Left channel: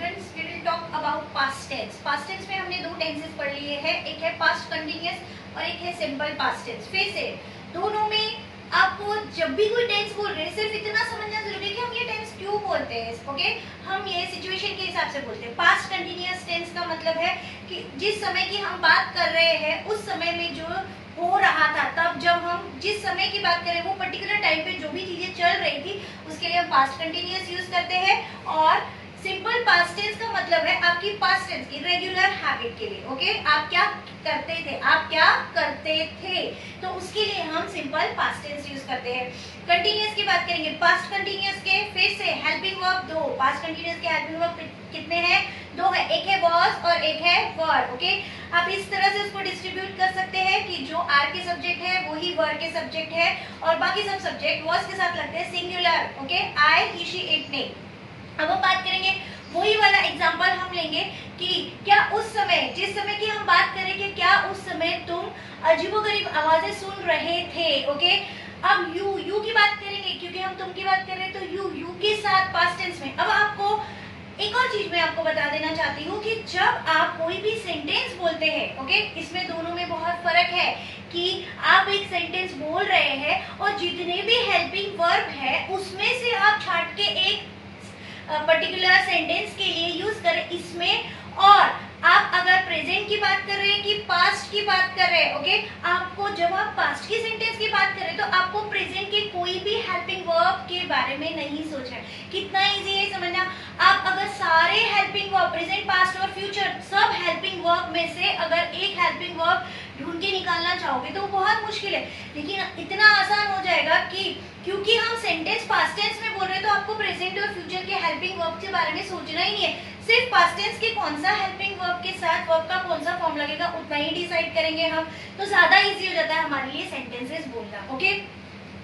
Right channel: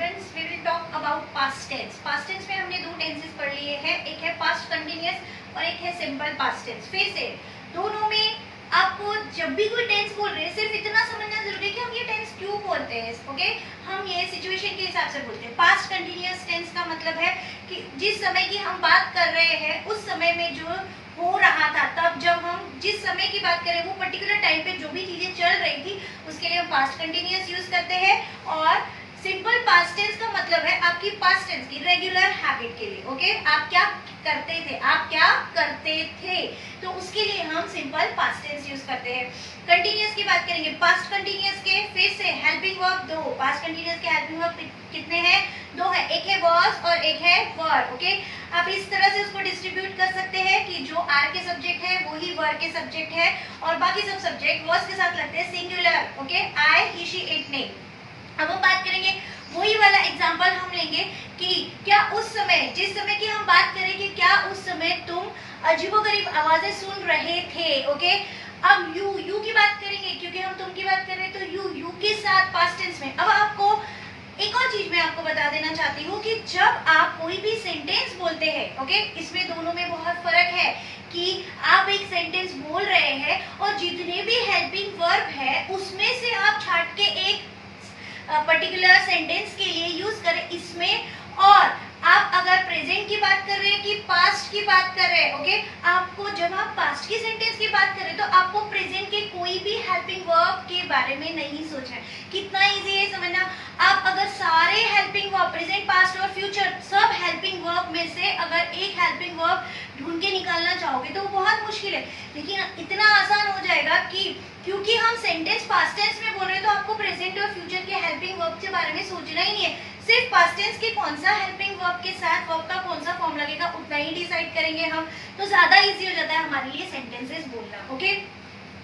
Students we will talk about past tense. Past tense में हमने दो टेंसेस पढ़ लिए हैं, एक है पास्ट कंटिन्यूअस और एक है सिंपल पास्ट टेंस। फिर से दोनों में आपको जब भी कोई टेंस बोल रहे हैं सिर्फ इतना समझना जरूरी है कि हम ये टेंस क्यों बोलते हैं। ओके, हम ये सिचुएशन के हिसाब से बोलते हैं। पास्ट कंटिन्यूअस टेंस का मतलब है कि जिस समय की हम बात कर रहे हैं उस समय में जो हो रहा था, तब जब हम जिस समय की बात करें वो पर्टिकुलर टाइम पे जो भी चीजें चल रही थी उसके लिए हम पास्ट कंटिन्यूअस यूज करते हैं। और सिंपल पास्ट टेंस का मतलब है आपकी पास्ट टेंस की रेगुलर हैबिट के लिए। ओके, आप क्या करते थे, आप क्या करते थे, तो उसके लिए हम सिंपल पास्ट टेंस यूज करते हैं। कंटिन्यूअस की बात करेंगे, पास्ट कंटिन्यूअस के फिर से हेल्पिंग वर्ब दो। पास्ट कंटिन्यूअस के हेल्पिंग वर्ब कितने हैं? दो है, एक है वाज और एक है वर। ओके, आप इस तरह से उसको डिस्ट्रीब्यूट कर सकते हैं कि जो आर के सब्जेक्ट है वो ही वर के सब्जेक्ट है और बाकी सब सब्जेक्ट वाज के साथ लगते हैं singular. Okay, I, he, she, it, नहीं। अब हम बात करेंगे वही वाला एग्जाम्पल हम लेंगे कि क्या उस समय, जिस समय की हम बात करें कि क्या उस समय तुम अजीबोगरीब आवाजें सुन रहे थे। ओके, अब यू की बात करेंगे क्योंकि हम तुम की बात कर रहे हैं, तो यू के साथ पास्ट टेंस में। अब आपको एक और चीज मैं आपको बता देना चाहती हूँ कि जब आप कोई भी सेंटेंस बोलते हैं, ओके, इसमें दोनों में बहुत फर्क है कि आप एक सेंटेंस बोल रहे हैं और जितने भी हेल्पिंग वर्ब है उसमें से आप छाट के एक पर्टिकुलर सेंटेंस के लिए यूज करें इसमें। और आप अगर प्रेजेंट की बात कर रहे हैं कि पास्ट की बात कर रहे हैं, ओके, आपको जब आप पास्ट की सेंटेंस की बात करें तो आपको प्रेजेंट के कोई भी हेल्पिंग वर्ब के बारे में नहीं सोचना है। कितना इजी है समझना। आप अगर सारे हेल्पिंग वर्ब प्रेजेंट, पास्ट और फ्यूचर सब हेल्पिंग वर्ब में से अगर एक हेल्पिंग वर्ब ढूंढ के निकालना चाहोगे तो बहुत मुश्किल है, लेकिन इतना आसान हो जाएगा कि क्योंकि हम सेंटेंस पास्ट टेंस में बोल रहे हैं तो आपको प्रेजेंट और फ्यूचर के हेल्पिंग वर्ब के बारे में सोचना ही नहीं है। सिर्फ पास्ट टेंस के कौन सा हेल्पिंग वर्ब के साथ वर्ब का कौन सा फॉर्म लगेगा उतना ही डिसाइड करेंगे हम, तो ज्यादा इजी हो जाता है हमारे लिए सेंटेंसेस बोलना। ओके,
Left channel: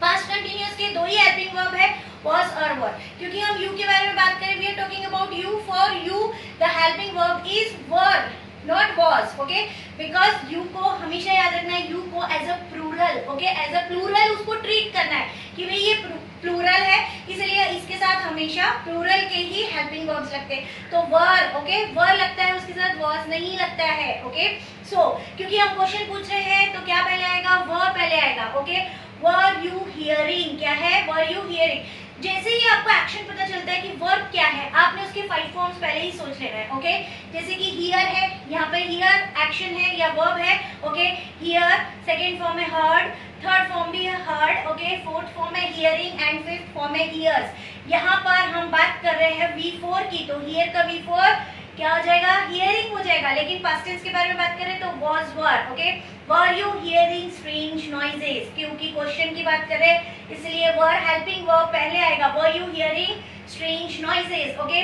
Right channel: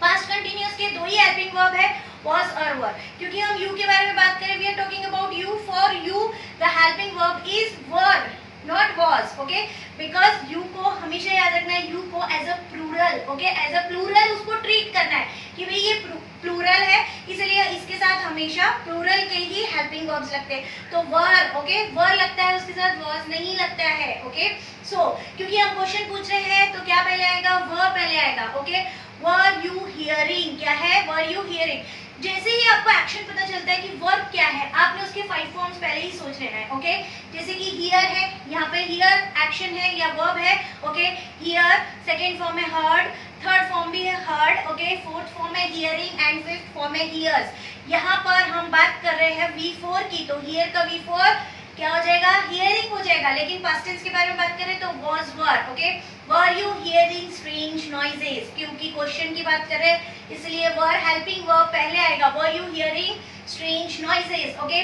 पास्ट कंटिन्यूअस के दो ही हेल्पिंग वर्ब है, was और were। क्योंकि हम you के बारे में बात करें, we are talking about you, for you the helping verb is were not was। okay, because you को हमेशा याद रखना है, you को as a plural, okay, as a plural उसको ट्रीट करना है कि भाई ये प्लूरल है, इसलिए इसके साथ हमेशा प्लूरल के ही हेल्पिंग वर्ब्स लगते हैं। तो वर, ओके, वर लगता है उसके साथ, वॉज नहीं लगता है। ओके, सो क्योंकि हम क्वेश्चन पूछ रहे हैं तो क्या पहले आएगा? वर पहले आएगा। ओके, वर यू हियरिंग, क्या है? Were you hearing. जैसे ही आपको एक्शन पता चलता है कि वर्ब क्या है, आपने उसके 5 फॉर्म्स पहले ही सोच लेना है। ओके, जैसे कि हियर है, यहाँ पे हियर एक्शन है या वर्ब है। ओके, हियर, सेकेंड फॉर्म है हर्ड, थर्ड फॉर्म भी है हर्ड, ओके, फोर्थ फॉर्म है हियरिंग एंड फिफ्थ फॉर्म है हियर्स। यहाँ पर हम बात कर रहे हैं V4 की, तो हियर का V4 क्या हो जाएगा? हियरिंग हो जाएगा। लेकिन पास्ट टेंस के बारे में बात करें तो was were। Okay, were you hearing strange noises, क्योंकि क्वेश्चन की बात करें इसलिए were हेल्पिंग वर्ब पहले आएगा, were you hearing strange noises। Okay,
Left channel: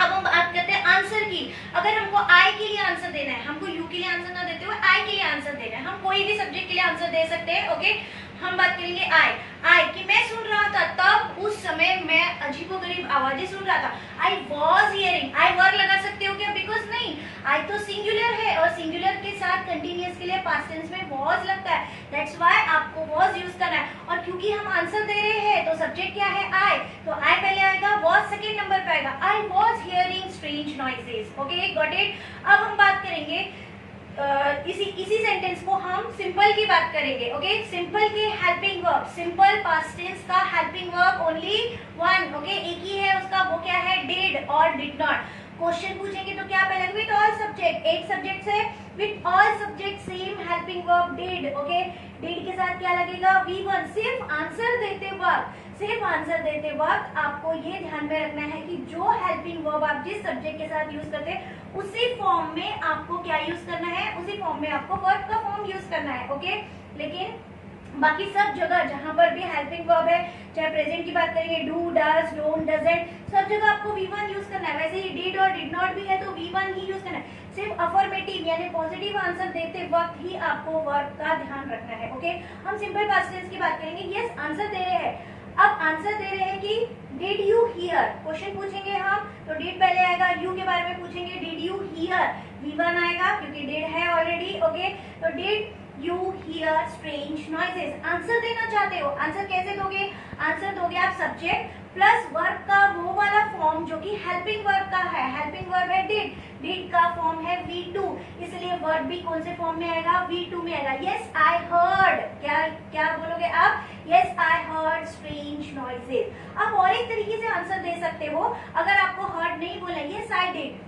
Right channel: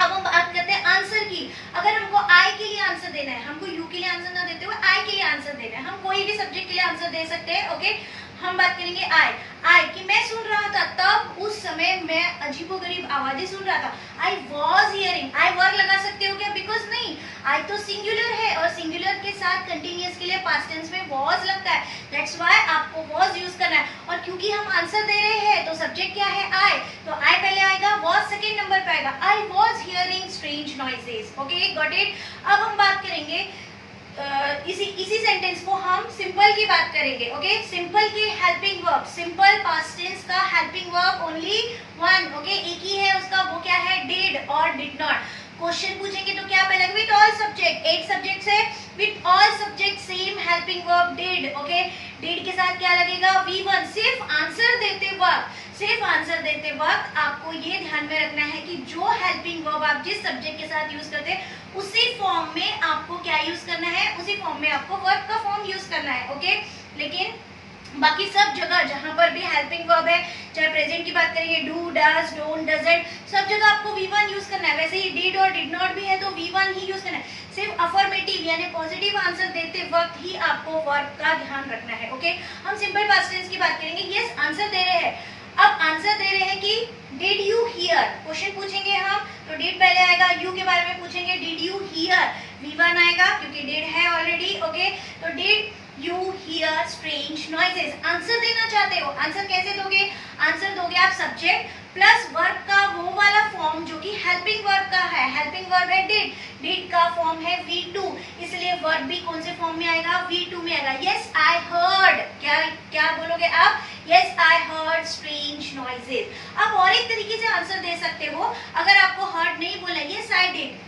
अब हम बात करते हैं आंसर की। अगर हमको आई के लिए आंसर देना है, हमको यू के लिए आंसर ना देते हुए आई के लिए आंसर देना है, हम कोई भी सब्जेक्ट के लिए आंसर दे सकते हैं। ओके, हम बात करेंगे आई कि मैं सुन रहा था, तब उस समय मैं अजीबोगरीब आवाजें सुन रहा था। आई वॉज हियरिंग, आई वर्ग लगा सकते हो क्या? बिकॉज नहीं, आई तो सिंगुलर है और सिंगुलर के साथ कंटिन्यूअस के लिए पास्ट टेंस में वॉज लगता है, दैट्स व्हाई आपको वॉज यूज करना है। और क्योंकि हम आंसर दे रहे हैं तो सब्जेक्ट क्या है? आई, तो आई पहले आएगा, वॉज सेकेंड नंबर पे आएगा। I was hearing strange noises. Okay, got it. अब हम बात करेंगे इसी सेंटेंस को हम सिंपल की बात करेंगे। ओके, सिंपल की helping verb, simple past tense का helping verb only one. Okay, एक ही है उसका, वो क्या है? डिड और डिड नॉट। क्वेश्चन पूछेंगे तो क्या पहले? विद ऑल सब्जेक्ट, 8 सब्जेक्ट है, with all subject same helping verb did. Okay, did के साथ क्या लगेगा? V1। सिर्फ आंसर देते वक्त आपको ये ध्यान में रखना है कि जो हेल्पिंग वर्ब आप जिस सब्जेक्ट के साथ यूज करते हैं उसी फॉर्म में आपको क्या यूज करना है? उसी फॉर्म में आपको वर्ब का फॉर्म यूज करना है। ओके, लेकिन बाकी सब जगह जहां पर भी हेल्पिंग वर्ब है, चाहे प्रेजेंट की बात करेंगे डू, डज, डोंट, डजंट, सब जगह आपको V1 यूज करना है। वैसे ही डिड और डिड नॉट भी है तो V1 ही यूज करना है। सिर्फ अफर्मेटिव यानी पॉजिटिव आंसर देते वक्त ही आपको वर्ब का ध्यान रखना है। ओके, हम सिंपल पास्ट टेंस की बात करेंगे। यस, आंसर दे रहे हैं। अब आंसर दे रहे हैं कि डिड यू हियर, क्वेश्चन पूछेंगे हम तो डिड पहले आएगा, यू के बारे में पूछेंगे डिड यू हियर, V1 आएगा क्योंकि डिड है ऑलरेडी। ओके, तो did you hear strange noises? Answer देना चाहते हो, आंसर कैसे दोगे? आंसर दोगे आप सब्जेक्ट प्लस वर्ब का वो वाला फॉर्म जो कि हेल्पिंग वर्ब का है। हेल्पिंग वर्ब है डिड, डिड का फॉर्म है V2, इसलिए वर्ब भी कौन से फॉर्म में आएगा? V2 में आएगा। यस आई हर्ड, क्या क्या बोलोगे आप? Yes I heard strange noises. अब और एक तरीके से आंसर दे सकते हो, अगर आपको हर्ड नहीं बोला, yes I did,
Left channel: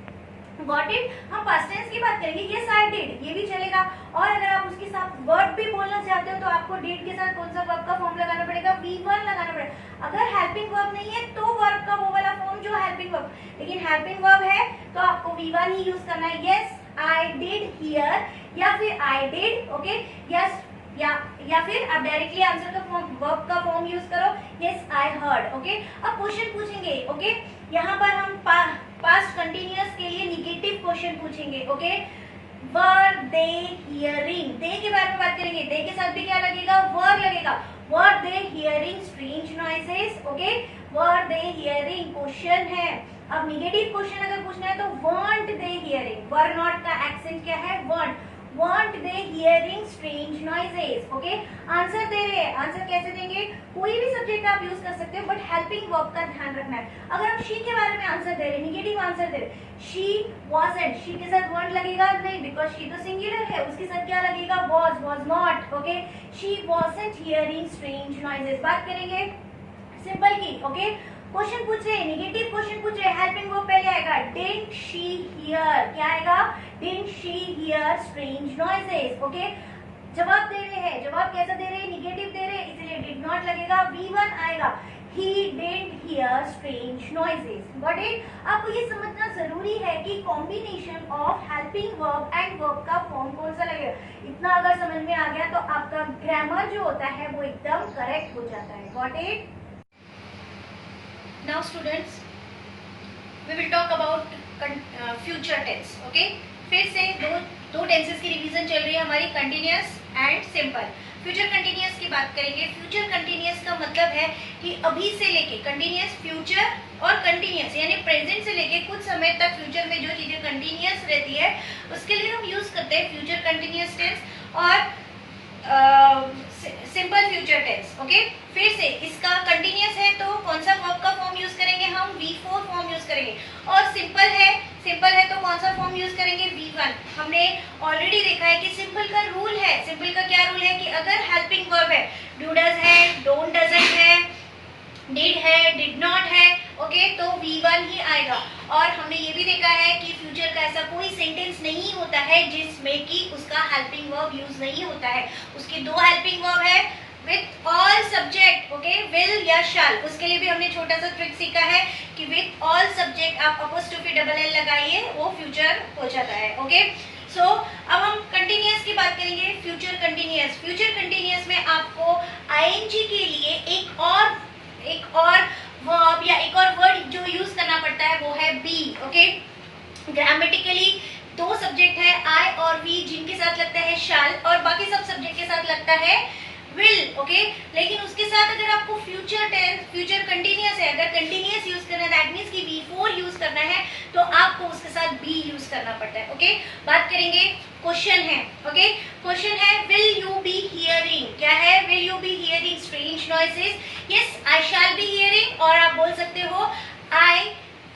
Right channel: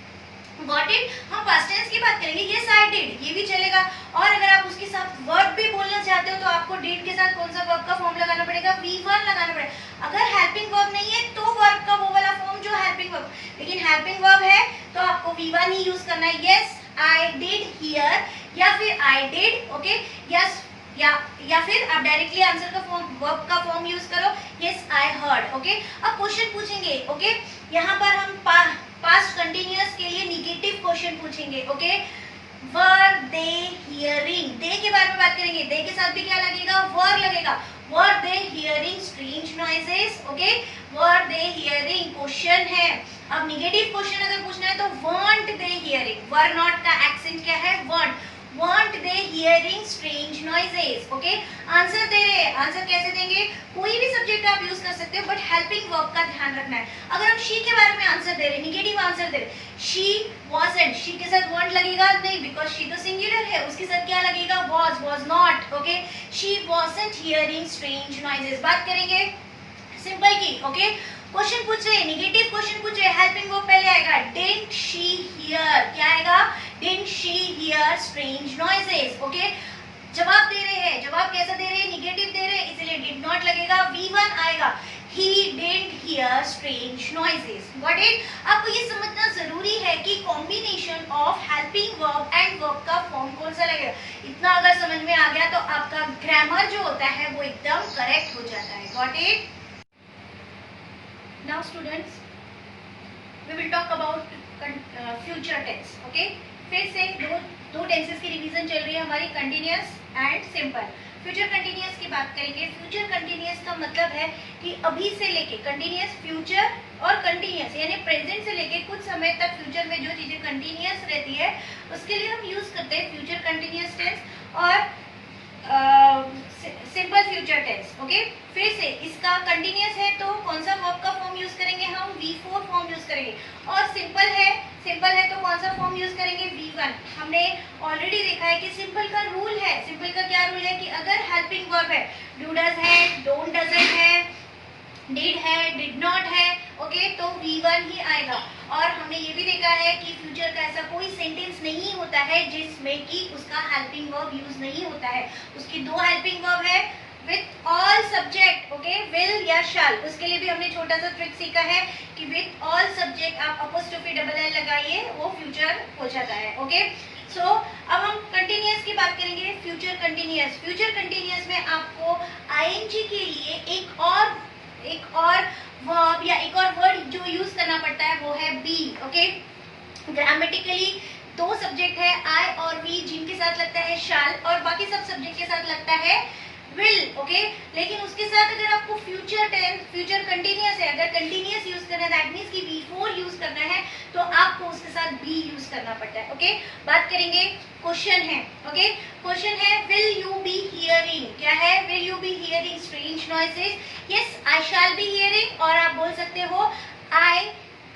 got it, हम पास्ट टेंस की बात करेंगे, यस आई डिड, ये भी चलेगा। और अगर आप उसके साथ वर्ब भी बोलना चाहते हो तो आपको डिड के साथ कौन सा वर्ब का फॉर्म लगाना पड़ेगा? V1 लगाना पड़ेगा। अगर हेल्पिंग वर्ब नहीं है तो वर्ब का वो वाला फॉर्म जो हेल्पिंग वर्ब, लेकिन हेल्पिंग वर्ब है तो आपको V1 ही यूज करना है। यस आई डिड हियर या फिर आई डिड, ओके, यस या फिर आप डायरेक्टली आंसर का फॉर्म, वर्ब का फॉर्म यूज करो, यस आई हर्ड, ओके। अब क्वेश्चन पूछेंगे, ओके, यहाँ पर हम पास्ट कंटिन्यूअस के लिए निगेटिव क्वेश्चन पूछेंगे, ओके। वर दे हियरिंग, दे के बारे में बात करेंगे, दे के साथ भी क्या लगेगा? वर लगेगा। Were they hearing strange noises, okay, were they hearing question है। अब निगेटिव क्वेश्चन अगर पूछना है तो weren't they hearing, were not का एक्सेंट क्या है? Weren't, weren't they hearing strange noises, okay. Answer दे रहे हैं, आंसर कैसे देंगे? कोई भी सब्जेक्ट आप यूज कर सकते हो, बट हेल्पिंग वर्ब का ध्यान रखना है। अगर हम शी के बारे में आंसर दे रहे, निगेटिव आंसर दे रहे, शी वाज़न्ट, शी के साथ वांट लगेगा नहीं, बिकॉज शी तो सिंगुलर है, उसके साथ क्या लगेगा? Was not, okay. She wasn't hearing strange noises. बात करेंगे सिंपल की, ओके। क्वेश्चन पूछ रहे, निगेटिव क्वेश्चन पूछ रहे, हेल्पिंग वर्ब पहले आएगा, डिडंट शी हियर, क्या आएगा? Didn't she here strange noises, okay. जवाब दे रहे हैं, जवाब कैसा दे रहे हैं? निगेटिव दे रहे हैं, इसलिए डिड नॉट लगेगा, V1 आएगा, he didn't hear strange noises, got it? आपको ये समझना जरूरी है कि combination of helping verb and verb का फॉर्म कौन सा लगेगा। इतना अगर समझ में आ गया तो आपका ग्रामर जो होता है वो एकदम करेक्ट हो जाता है, got it? Now students, we will talk about future tense, okay? फिर से दो टेंसेस की रिवीजन चल रही है हमारी, continuous and simple. Future continuous की बात करेंगे। फ्यूचर कंटिन्यूअस का मतलब है कि अभी से लेके कंटिन्यूअस, फ्यूचर और कंटिन्यूअस यानी प्रेजेंट से लेके कुछ समय तक फ्यूचर में जो चीजें कंटिन्यूअस रहती है उसके लिए हम यूज करते हैं फ्यूचर कंटिन्यूअस टेंस और सिंपल फ्यूचर टेंस, ओके। फिर से इसका कंटिन्यूअस है तो कौन सा वर्ब का फॉर्म यूज करेंगे? हम V4 फॉर्म यूज करेंगे। और सिंपल है तो कौन सा फॉर्म यूज करेंगे? V1। हमने ऑलरेडी देखा है कि सिंपल का रूल है, सिंपल का क्या रूल है कि अगर हेल्पिंग वर्ब है, डू डज है, डोंट डजंट है, डिड है, डिड नॉट है, ओके, तो V1 ही आएगा। और हमने ये भी देखा है कि फ्यूचर का ऐसा कोई सेंटेंस नहीं होता है जिसमें कि उसका हेल्पिंग वर्ब यूज नहीं होता है। उसकी दो हेल्पिंग वर्ब है, with all subject, okay, will या शैल। उसके लिए भी हमने छोटा सा ट्रिक सीखा है कि विथ ऑल सब्जेक्ट आप अपोस्ट्रोफी डबल एल लगाइए, वो फ्यूचर हो जाता है, ओके। सो अब हम कंटिन्यूअस की बात करेंगे। फ्यूचर कंटिन्यूअस में आपको आईएनजी के लिए एक और वर्ब या एक और वर्ड जो यूज करना पड़ता है वो है बी, ओके। ग्रामेटिकली दो सब्जेक्ट है आई और वी, जिनके साथ लगता है शैल और बाकी सब सब्जेक्ट के साथ लगता है विल, ओके। लेकिन उसके साथ अगर आपको फ्यूचर कंटिन्यूअस है, अगर कंटिन्यूअस यूज करना है दैट मींस कि V4 यूज करना है तो आपको उसके साथ बी यूज करना पड़ता है, ओके। बात करेंगे, क्वेश्चन है, ओके। क्वेश्चन है विल यू बी हियरिंग, क्या है? Will you be hearing strange noises? Yes I shall be hearing. और आप बोल सकते हो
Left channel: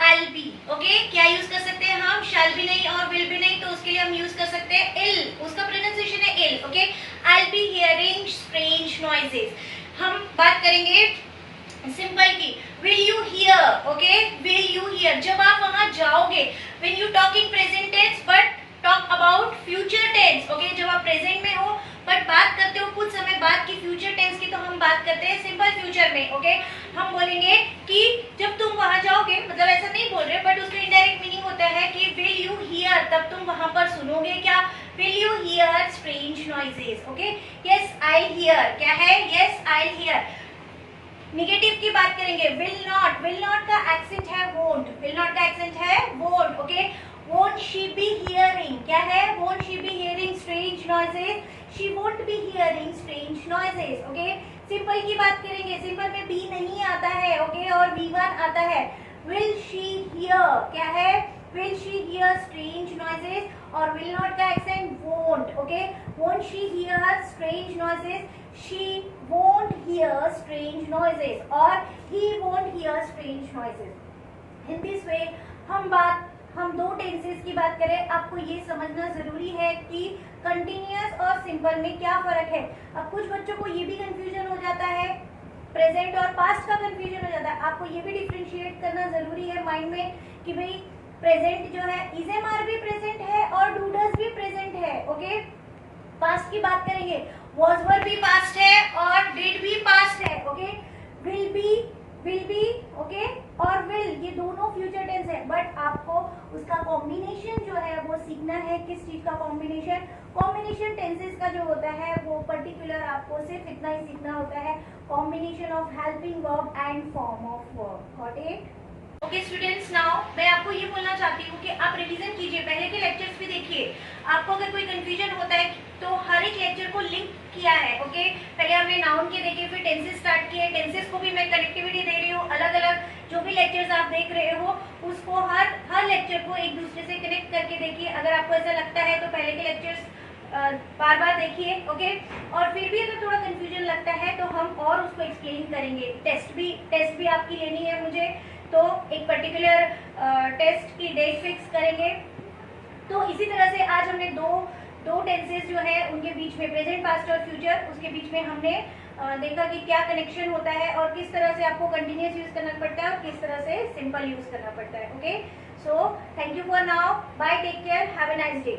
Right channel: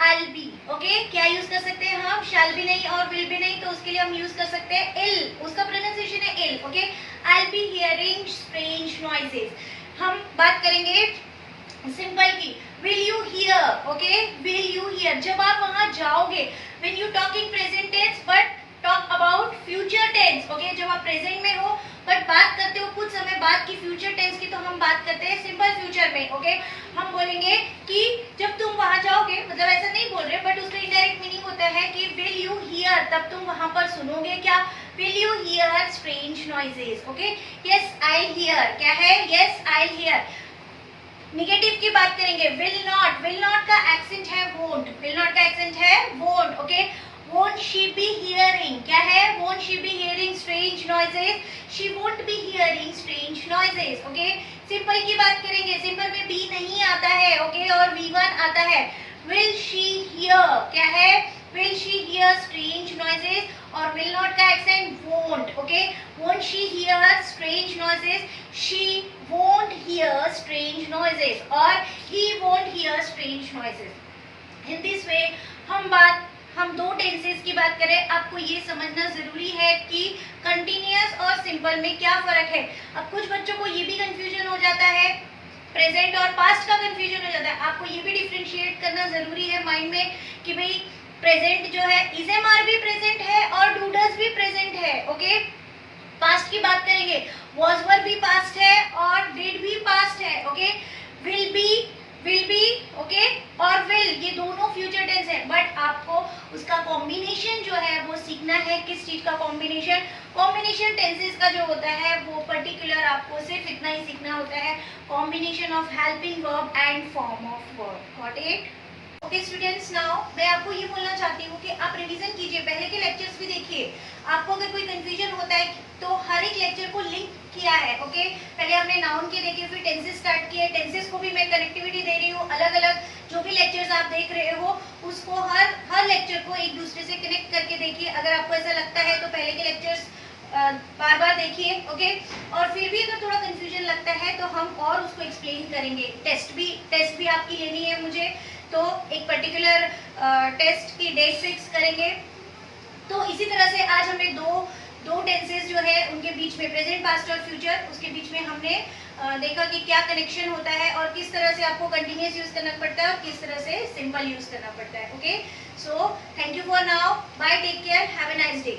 I'll be, ओके। क्या यूज कर सकते हैं हम? शैल भी नहीं और विल भी नहीं, तो उसके लिए हम यूज कर सकते हैं इल, उसका प्रोनाउंसिएशन है इल, okay. I'll be hearing strange noises। हम बात करेंगे सिंपल की, will you hear, okay, will you hear। जब आप वहां जाओगे, when you talk in present tense but talk about future tense, okay, जब आप प्रेजेंट में हो बट बात करते हो कुछ समय बाद की फ्यूचर टेंस की, तो हम बात करते हैं सिंपल फ्यूचर में, ओके। हम बोलेंगे कि जब तुम वहां जाओगे, मतलब ऐसा नहीं बोल रहे बट उसका इनडायरेक्ट मीनिंग होता है कि विल यू हियर, तब तुम वहां पर सुनोगे क्या? Will you here strange noises, okay. Yes I hear, क्या है? Yes I hear. निगेटिव की बात करेंगे, विल नॉट का एक्सेंट है वोंट, विल नॉट का एक्सेंट है won't, okay. Won't she be hearing, क्या है? Won't she be hearing strange noises? She won't be hearing strange noises, okay? Simple की बात करेंगे, सिंपल में बी नहीं आता है, ओके, और V1 आता है। Will she hear, क्या है? will she hear strange noises, और will not का accent won't, okay, won't she hear strange noises, she won't hear strange noises, और he won't hear strange noises. In this way हम दो tenses की बात करें, आपको ये समझना जरूरी है कि कंटिन्यूअस और सिंपल में क्या फर्क है. अब कुछ बच्चों को ये भी कंफ्यूजन हो जाता है, प्रेजेंट और पास्ट का कंफ्यूजन हो जाता है. आपको ये भी डिफरेंशिएट करना जरूरी है माइंड में कि भाई प्रेजेंट जो है इज एम आर भी प्रेजेंट है और डू डज भी प्रेजेंट है. ओके, पास्ट की बात करेंगे, वॉज वर भी पास्ट है और डिड भी पास्ट है. ओके, विल बी ओके और विल, ये दोनों फ्यूचर टेंस है. बट आपको उसका कॉम्बिनेशन जो है वो सीखना है. किस चीज का कॉम्बिनेशन? कॉम्बिनेशन टेंसेस का जो होता है वो पर्टिकुलर आपको सिर्फ इतना ही सीखना होता है, combination of helping verb and form of verb. Got it? Okay students, now मैं आपको ये बोलना चाहती हूँ कि आप रिवीजन कीजिए, पहले के लेक्चर्स भी देखिए. आपको अगर कोई कंफ्यूजन होता है तो हर एक लेक्चर को लिंक किया है. ओके, पहले हमने नाउन के देखे, फिर टेंसेस स्टार्ट किए. टेंसेस को भी मैं कनेक्टिविटी दे रही हूँ. अलग अलग जो भी लेक्चर्स आप देख रहे हो उसको हर लेक्चर को एक दूसरे से कनेक्ट करके देखिए. अगर आपको ऐसा लगता है तो पहले के लेक्चर्स बार बार देखिए. ओके, और फिर भी अगर थोड़ा कंफ्यूजन लगता है तो हम और उसको एक्सप्लेन करेंगे. टेस्ट भी आपकी लेनी है मुझे, तो एक पर्टिकुलर टेस्ट की डेट फिक्स करेंगे. तो इसी तरह से आज हमने दो टेंसेस जो है उनके बीच में, प्रेजेंट, पास्ट और फ्यूचर, उसके बीच में हमने देखा कि क्या कनेक्शन होता है और किस तरह से आपको कंटिन्यूअस यूज करना पड़ता है और किस तरह से सिंपल यूज करना पड़ता है. Okay, so thank you for now, bye, take care, have a nice day.